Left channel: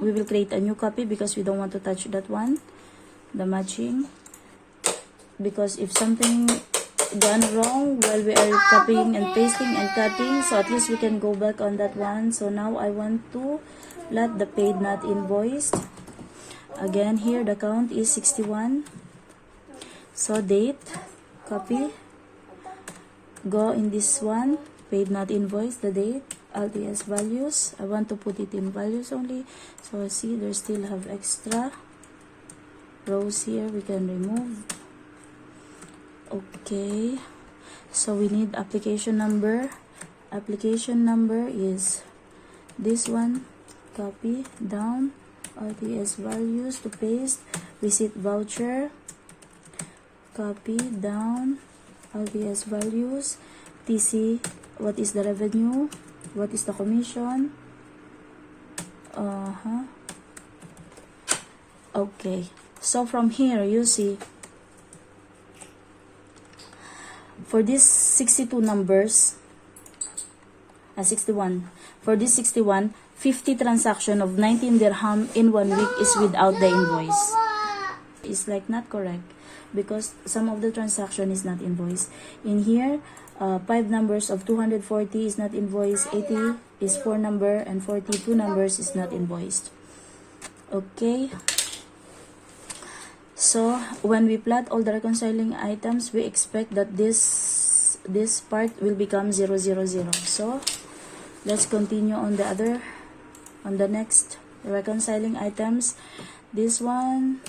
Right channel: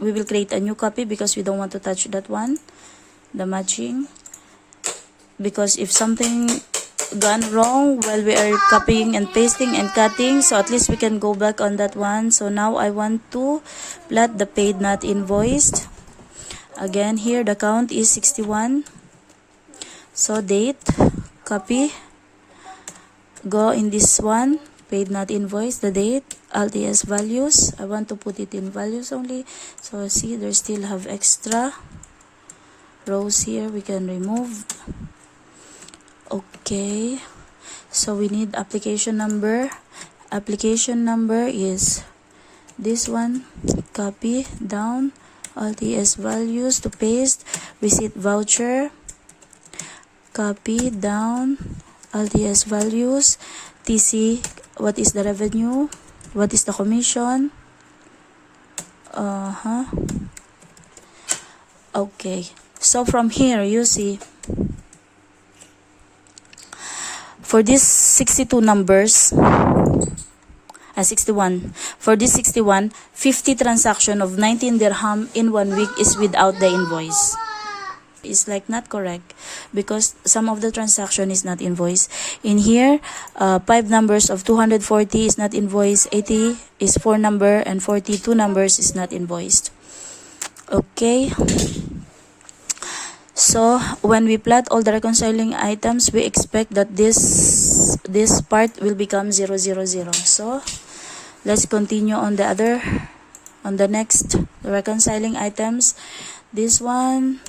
we will create a new copy because we don't want to touch that one, the matching, because if something gone wrong while we are copying and pasting and cutting, so at least we can go back on that one. So now I want to plot the paid not invoiced. Again, here the count is 61. So date, copy, go in this one, paid not invoiced, the date, LTS values. I want to put it in values only. So see, there still have extra rows here, we can remove. Okay, so we need application number. Application number is this one, copy down, LTS values to paste, receipt voucher, copy down, LTS values, TC, what is the revenue, what is the commission. Okay, so from here you see, for these 62 numbers, 61, for this 61, 50 transaction of 19 dirham in 1 week is without the invoice. It's like not correct because some of the transaction is not invoiced. In here, 5 numbers of 240 is not invoiced, 80 is 4 number, and 42 numbers is not invoiced. Okay. So when we plot all the reconciling items, we expect that this part will become 0, 0, 0. So let's continue on the next reconciling items. This one,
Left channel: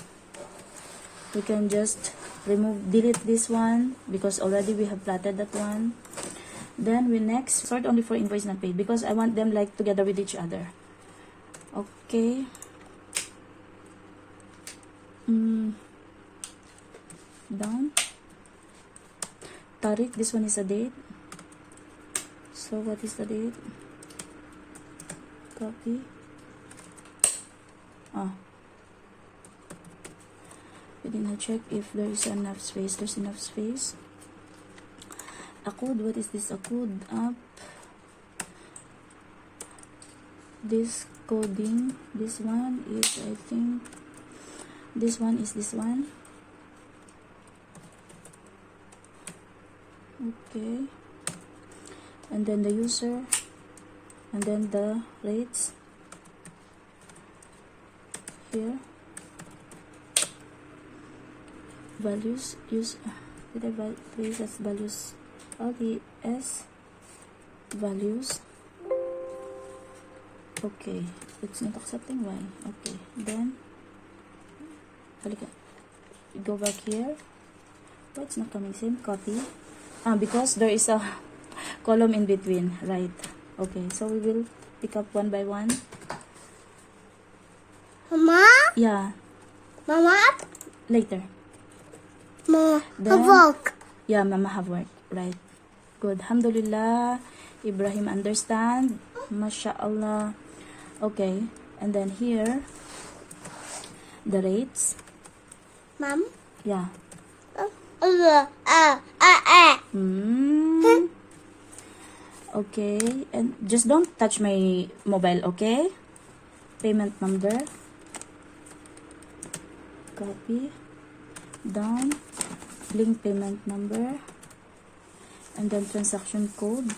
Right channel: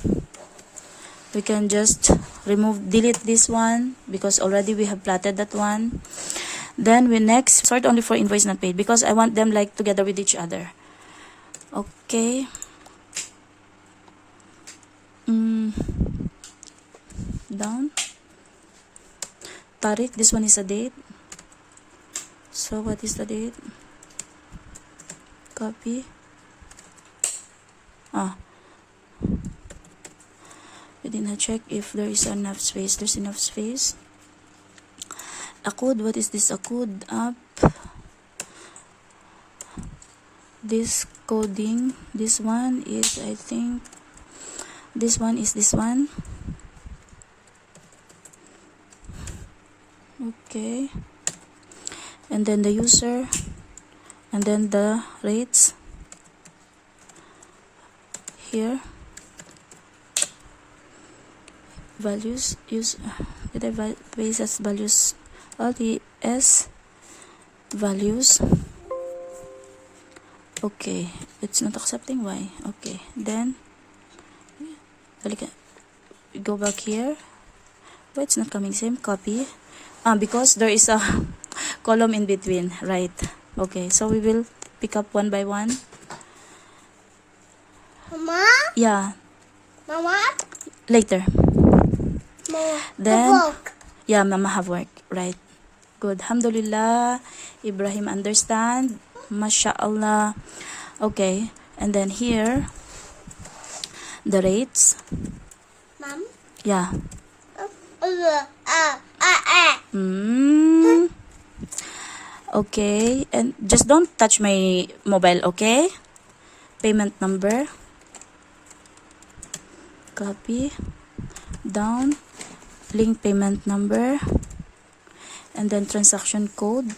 we can just delete this one because already we have plotted that one. Then we next sort only for invoice not paid because I want them like together with each other. Okay. Down. Tariq, this one is a date. So what is the date? Copy. We did not check if there is enough space. There's enough space. Akud, what is this? Akud up. This coding. This one is, I think, this one is this one. Okay. And then the user. And then the rates. Here. Values. Did I base as values? LTS values. Okay. It's not accepting. Why? Okay. Then go back here. Why it's not coming? Same. Copy. Because there is a column in between, right? Okay, so we will pick up one by one. Mama? Yeah. Mama? Later. Mama, Then, work. Yeah, Mama have work. Right. Good. Alhamdulillah. Ibrahim understand. MashaAllah. Okay. And then here, the rates. Mom? Yeah. Okay, and just don't touch my mobile, okay? Payment number. Copy. Down. Link payment number. And then transaction code.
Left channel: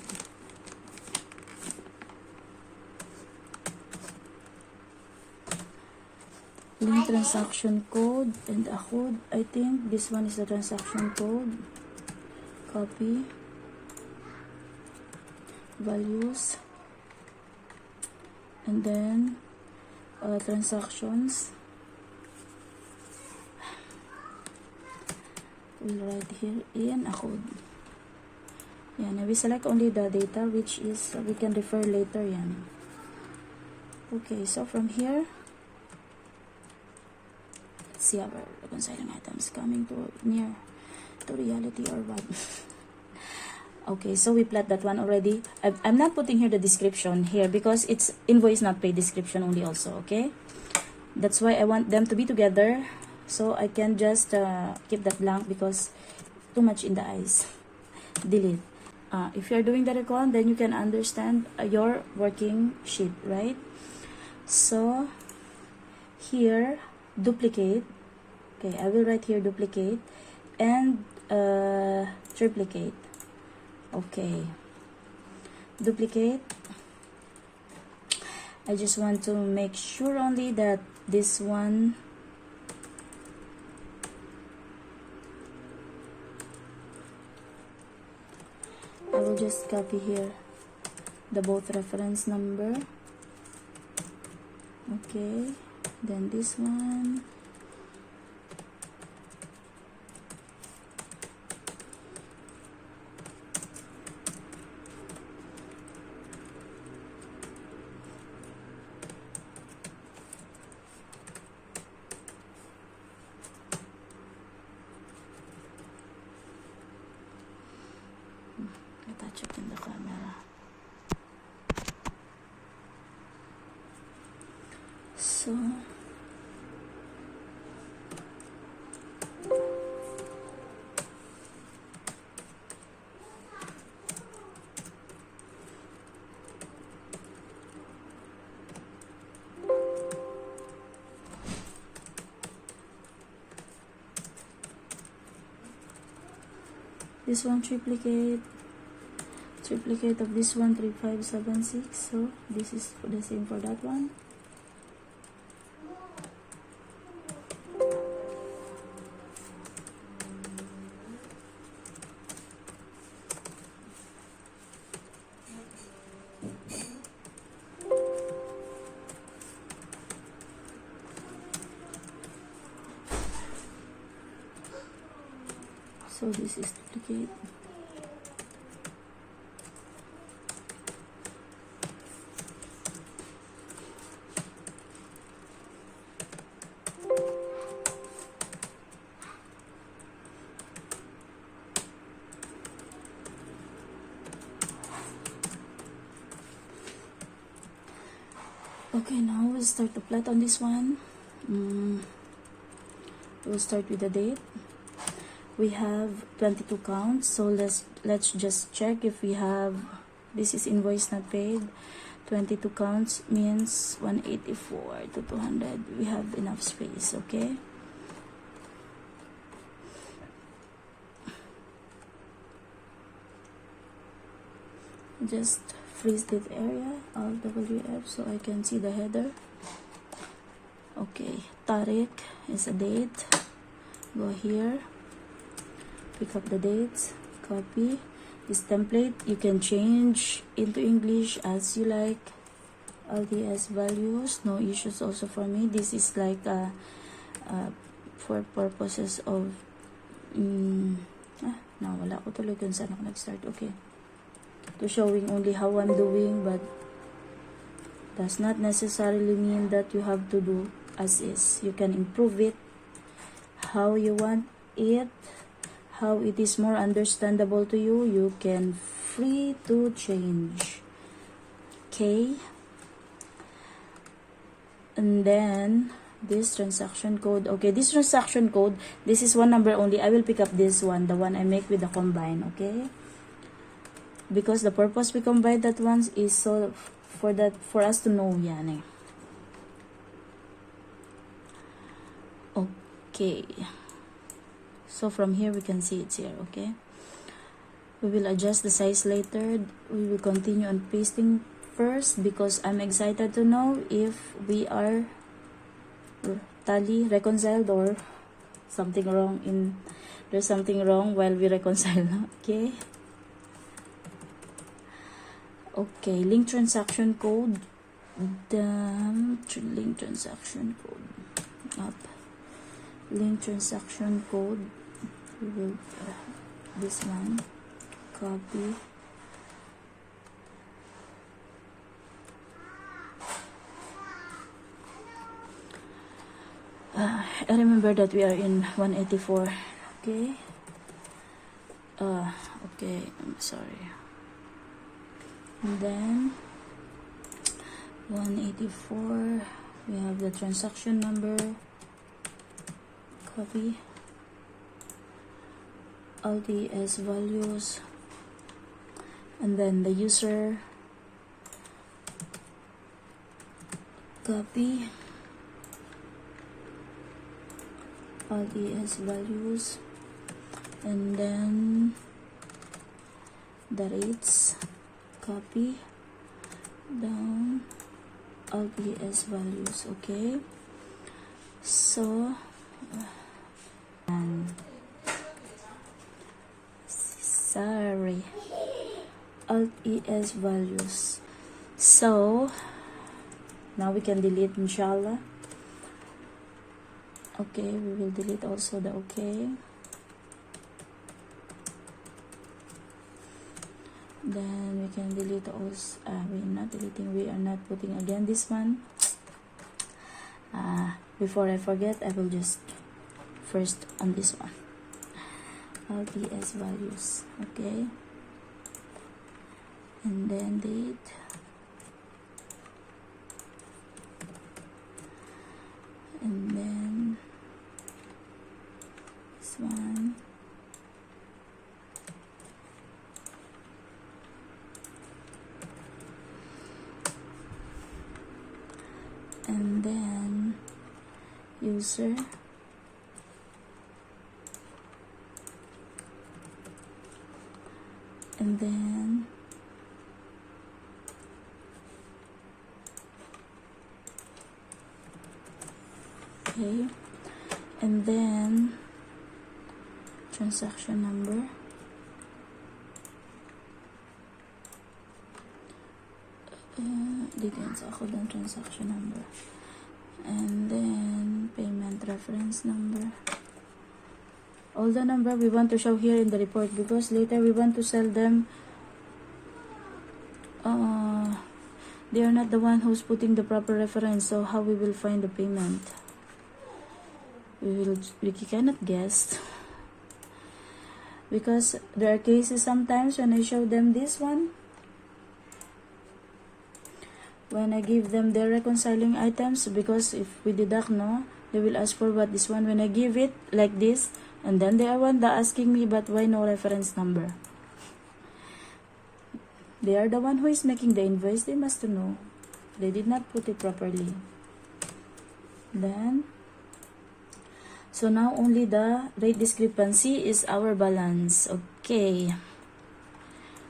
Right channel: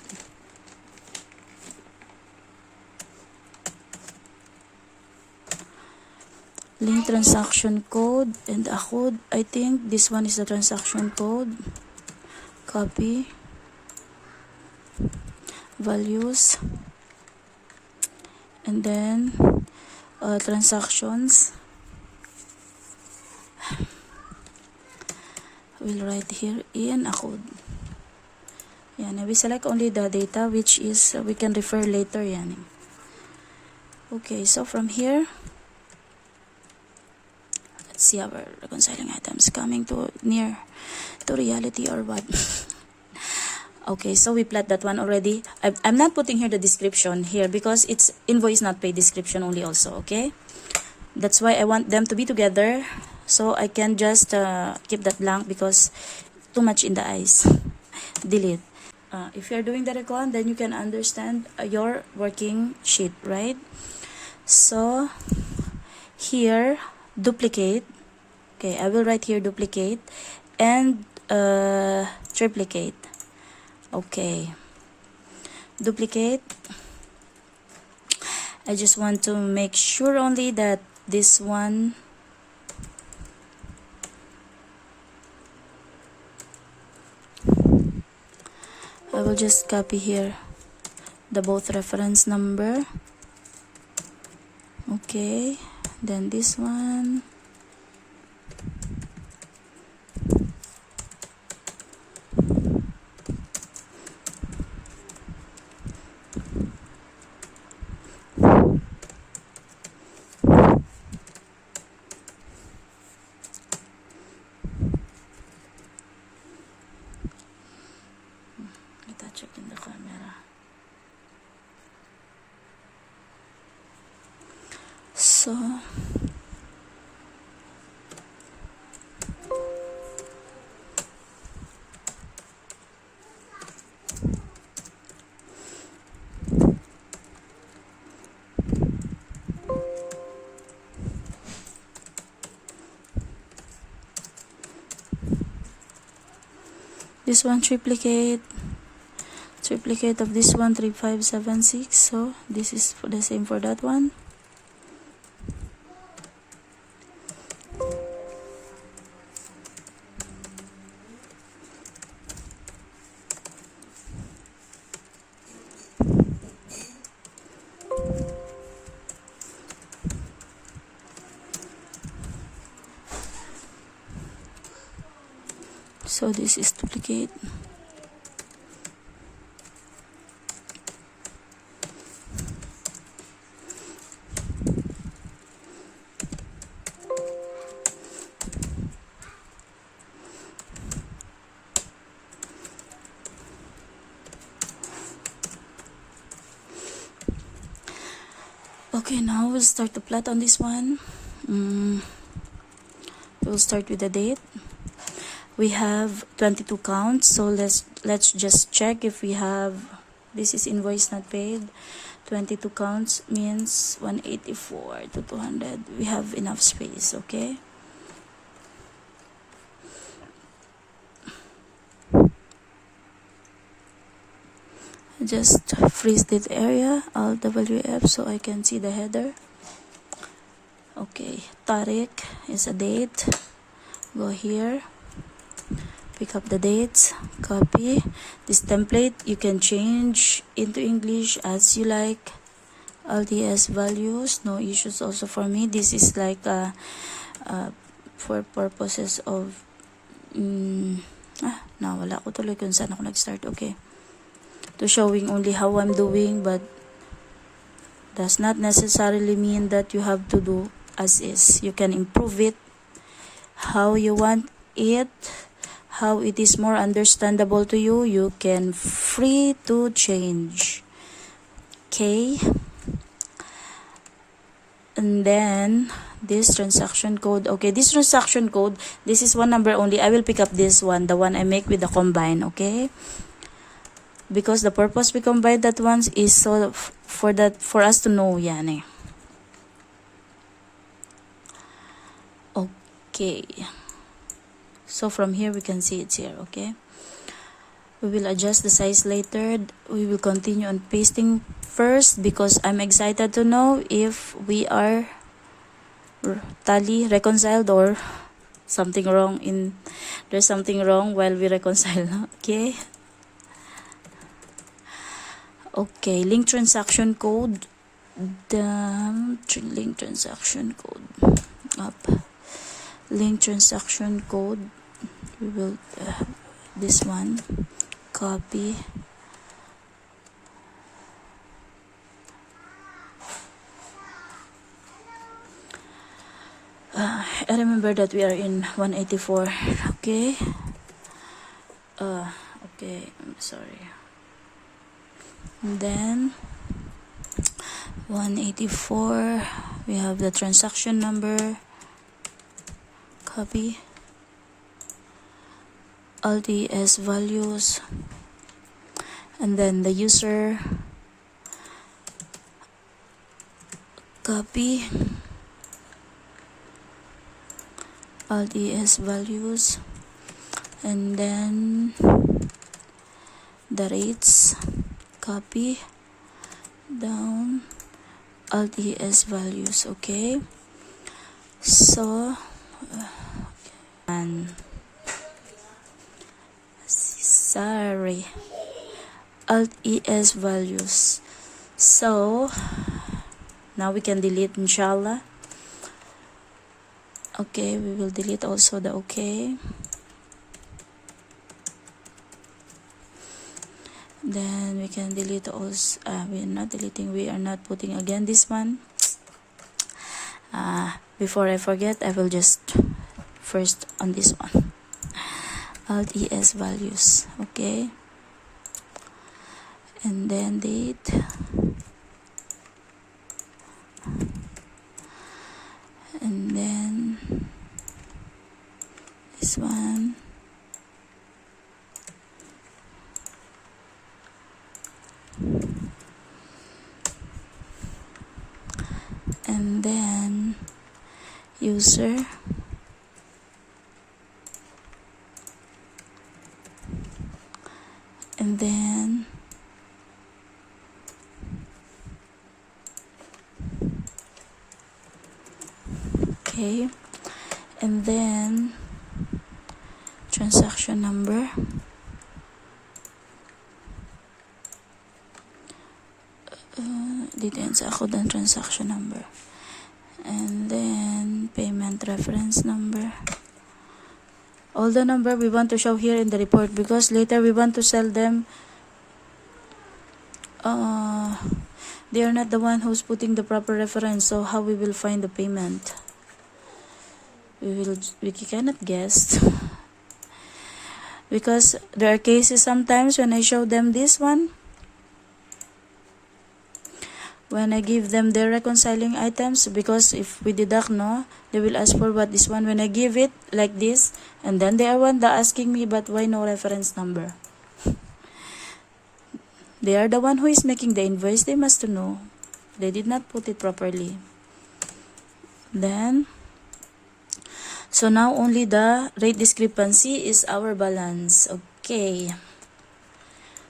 Link transaction code and a code. I think this one is the transaction code. Copy. Values. And then transactions. We'll write here in a code. Yan. We select only the data which is we can refer later. Yan. Okay, so from here, see our reconciling items coming to near to reality or what. Okay, so we plot that one already. I'm not putting here the description here because it's invoice not paid description only also. Okay, that's why I want them to be together, so I can just keep that blank because too much in the eyes. Delete. If you're doing the recon, then you can understand your working sheet, right? So here duplicate. Okay, I will write here duplicate and triplicate. Okay, duplicate. I just want to make sure only that this one I will just copy here the both reference number. Okay, then this one. Touch up in the camera. So this one triplicate of this one 3576. So this is for the same for that one. So this is duplicate. Okay, now we'll start to plot on this one. We'll start with the date. We have 22 counts, so let's just check if we have. This is invoice not paid. 22 counts means 184 to 200. We have enough space. Okay. Just freeze this area, Alt WF, so I can see the header. Okay, Tariq is a date. Go here, pick up the dates, copy. This template you can change into English as you like. LDS values, no issues also for me. This is like for purposes of nawala ko tuloy kung saan ako nag-start. Okay, to showing only how I'm doing, but does not necessarily mean that you have to do as is. You can improve it how you want it, how it is more understandable to you. You can free to change. Okay, and then this transaction code. Okay, this transaction code, this is one number only. I will pick up this one, the one I make with the combine. Okay, because the purpose we combine that ones is so for us to know yan eh. Okay, so from here we can see it's here. Okay, we will adjust the size later. We will continue on pasting first because I'm excited to know if we are tally reconciled or something wrong there's something wrong while we reconcile. Okay. Okay, link transaction code. The link transaction code up. Link transaction code. We will this one copy. I remember that we are in 184. Okay. Okay. I'm sorry. And then 184, we have the transaction number, copy, LDS values, and then the user. copy, alt es values, and then the rates, copy down, alt es values. Okay, so and sorry, alt es values. So now we can delete, inshallah. Okay, we will delete also the okay. Then we can delete also, we are not deleting, we are not putting again this one. Before I forget, I will just first on this one, alt es values. Okay, and then date, and then this one, and then user, and then okay, and then transaction number, dito yan sa ako dan transaction number, and then payment reference number, all the number we want to show here in the report, because later we want to sell them. They are not the one who's putting the proper reference, so how we will find the payment? We cannot guess, because there are cases sometimes when I show them this one, when I give them the reconciling items, because if we deduct, no, they will ask for what this one. When I give it like this, and then they are one that asking me, but why no reference number? They are the one who is making the invoice. They must know. They did not put it properly. Then, so now only the rate discrepancy is our balance. Okay.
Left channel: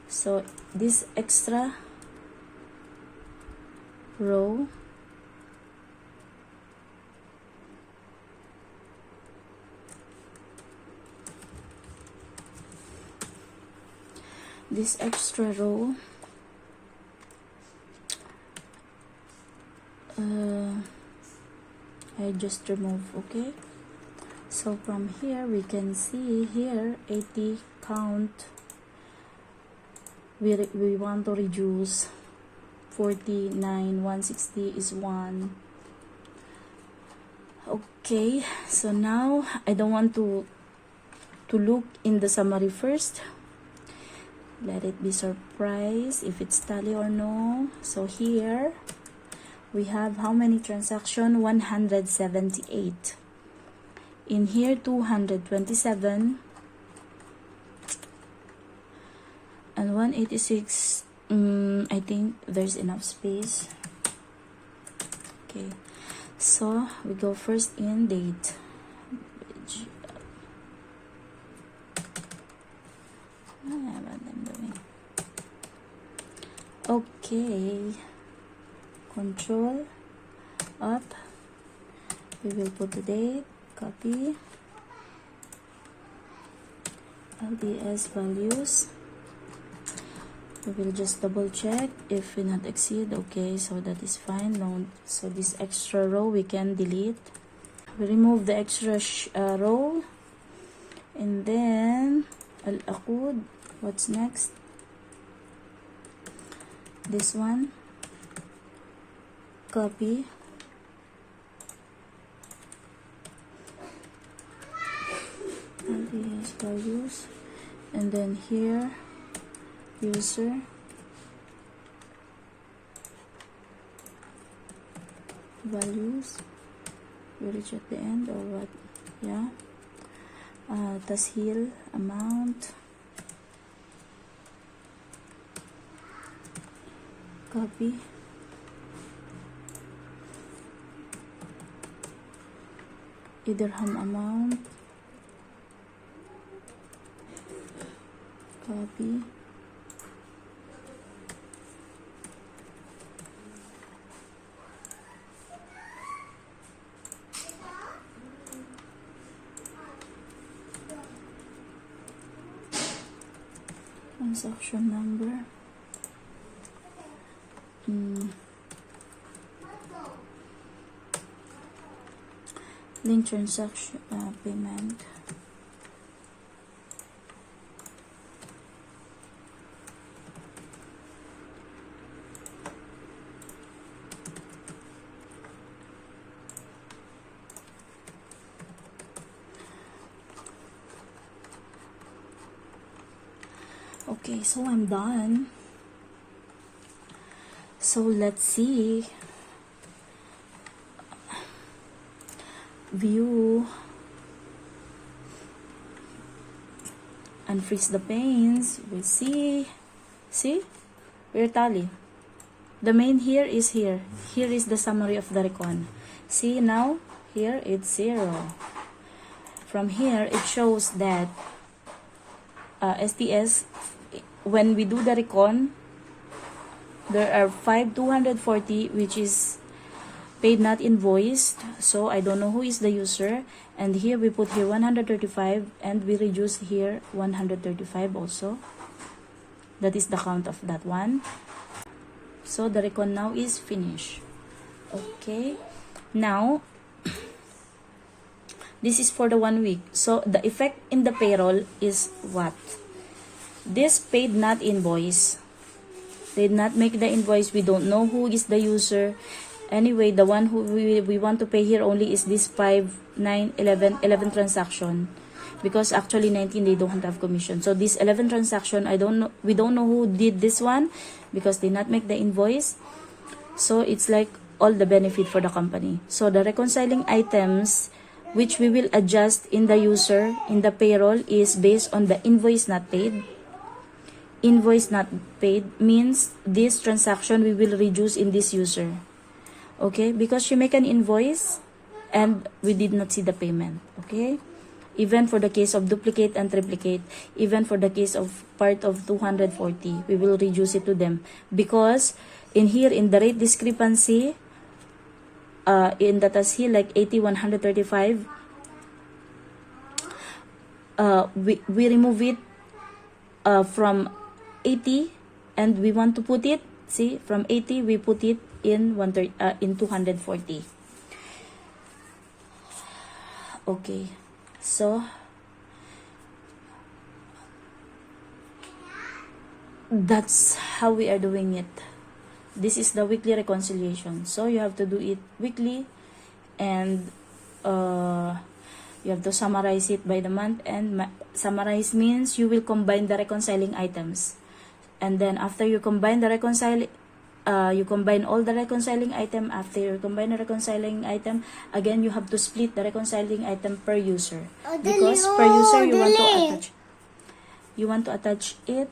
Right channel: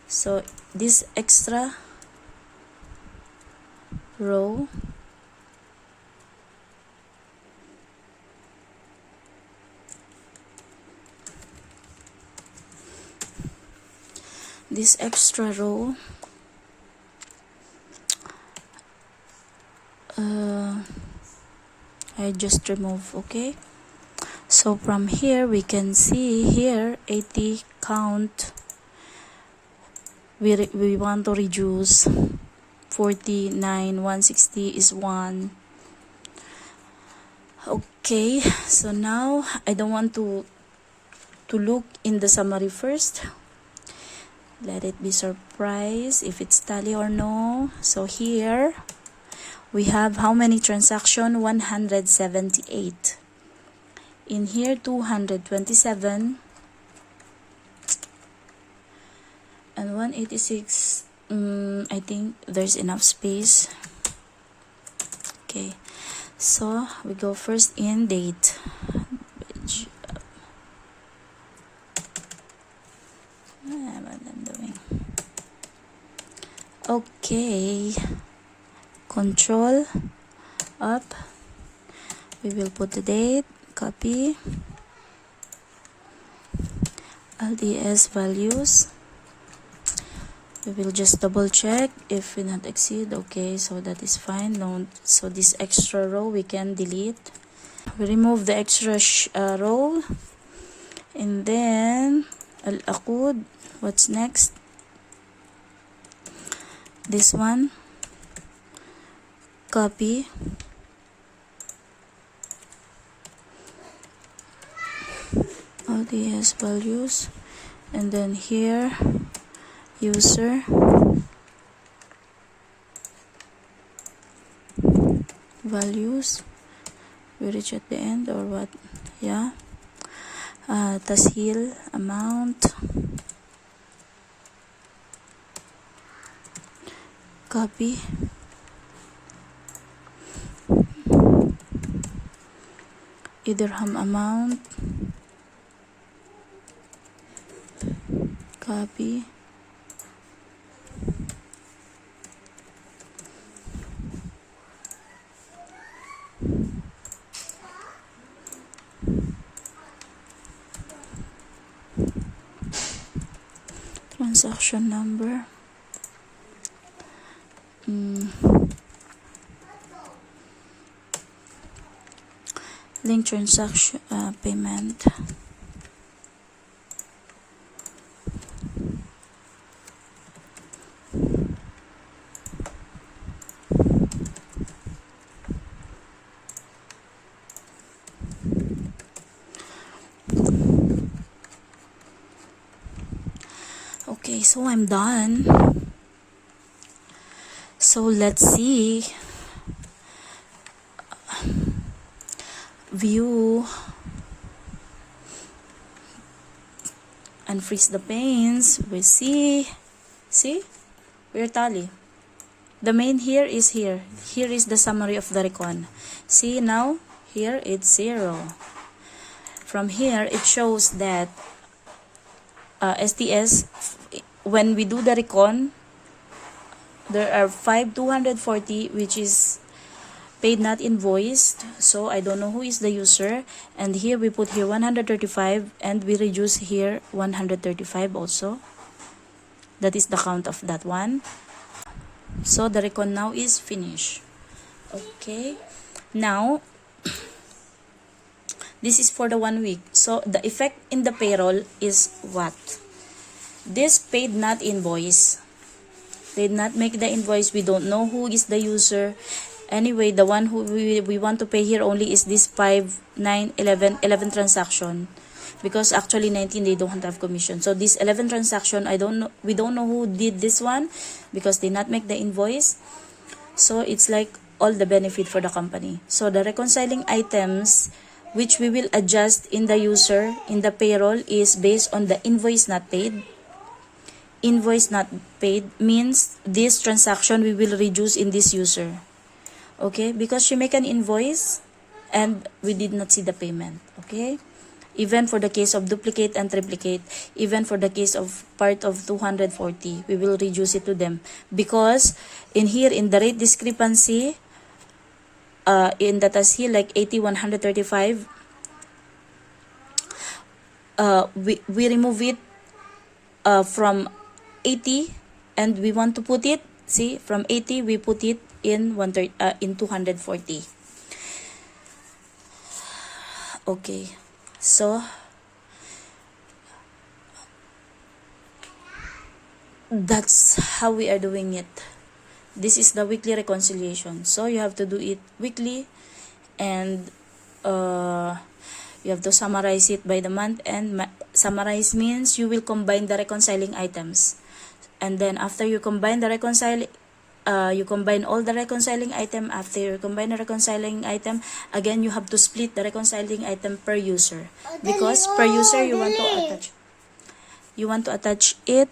So this extra row, this extra row, I just remove. Okay, so from here we can see here 80 count, we want to reduce 49, 160 is 1. Okay, so now I don't want to look in the summary first. Let it be surprise if it's tally or no. So here we have how many transaction? 178. In here 227 and 186. I think there's enough space. Okay, so we go first in date. Okay, control up, we will put the date, copy, LDS values, we will just double check if we not exceed. Okay, so that is fine. No, so this extra row we can delete. We remove the extra row, and then al-aqud. What's next? This one, copy, LDS values, and then here user values. We reach at the end or what? Yeah. Tashil amount, copy, Okay, dirham amount. Copy. Transaction number. Link transaction payment. Okay, so I'm done. So let's see. View. Unfreeze the panes. We see. See? We're tally. The main here is here. Here is the summary of the recon. See now? Here it's 0. From here, it shows that STS, when we do the recon, there are 5,240 which is paid not invoiced. So I don't know who is the user. And here we put here 135 and we reduce here 135 also. That is the count of that one. So the recon now is finished. Okay. Now, this is for the 1 week. So the effect in the payroll is what? This paid not invoice. Did not make the invoice. We don't know who is the user. Anyway, the one who we want to pay here only is this 5, 9, 11 transaction. Because actually 19 they don't have commission. So this 11 transaction, we don't know who did this one because they not make the invoice. So it's like all the benefit for the company. So the reconciling items which we will adjust in the user in the payroll is based on the invoice not paid. Invoice not paid means this transaction we will reduce in this user. Okay, because she make an invoice and we did not see the payment. Okay, even for the case of duplicate and triplicate, even for the case of part of 240, we will reduce it to them. Because in here, in the rate discrepancy, in the task here, like 80, 135, we remove it from 80 and we want to put it, see, from 80, we put it in 240. Okay, so that's how we are doing it. This is the weekly reconciliation. So you have to do it weekly and you have to summarize it by the month. And summarize means you will combine the reconciling items. And then after you combine the you combine all the reconciling item. After you combine the reconciling item, again you have to split the reconciling item per user. Because per user you want to attach it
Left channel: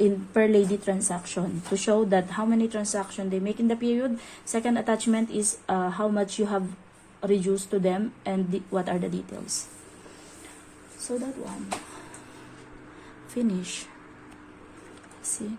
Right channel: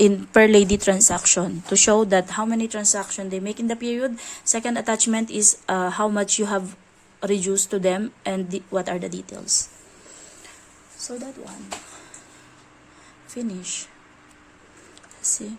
in per lady transaction to show that how many transactions they make in the period. Second attachment is how much you have reduced to them and what are the details. So that one. Finish. See.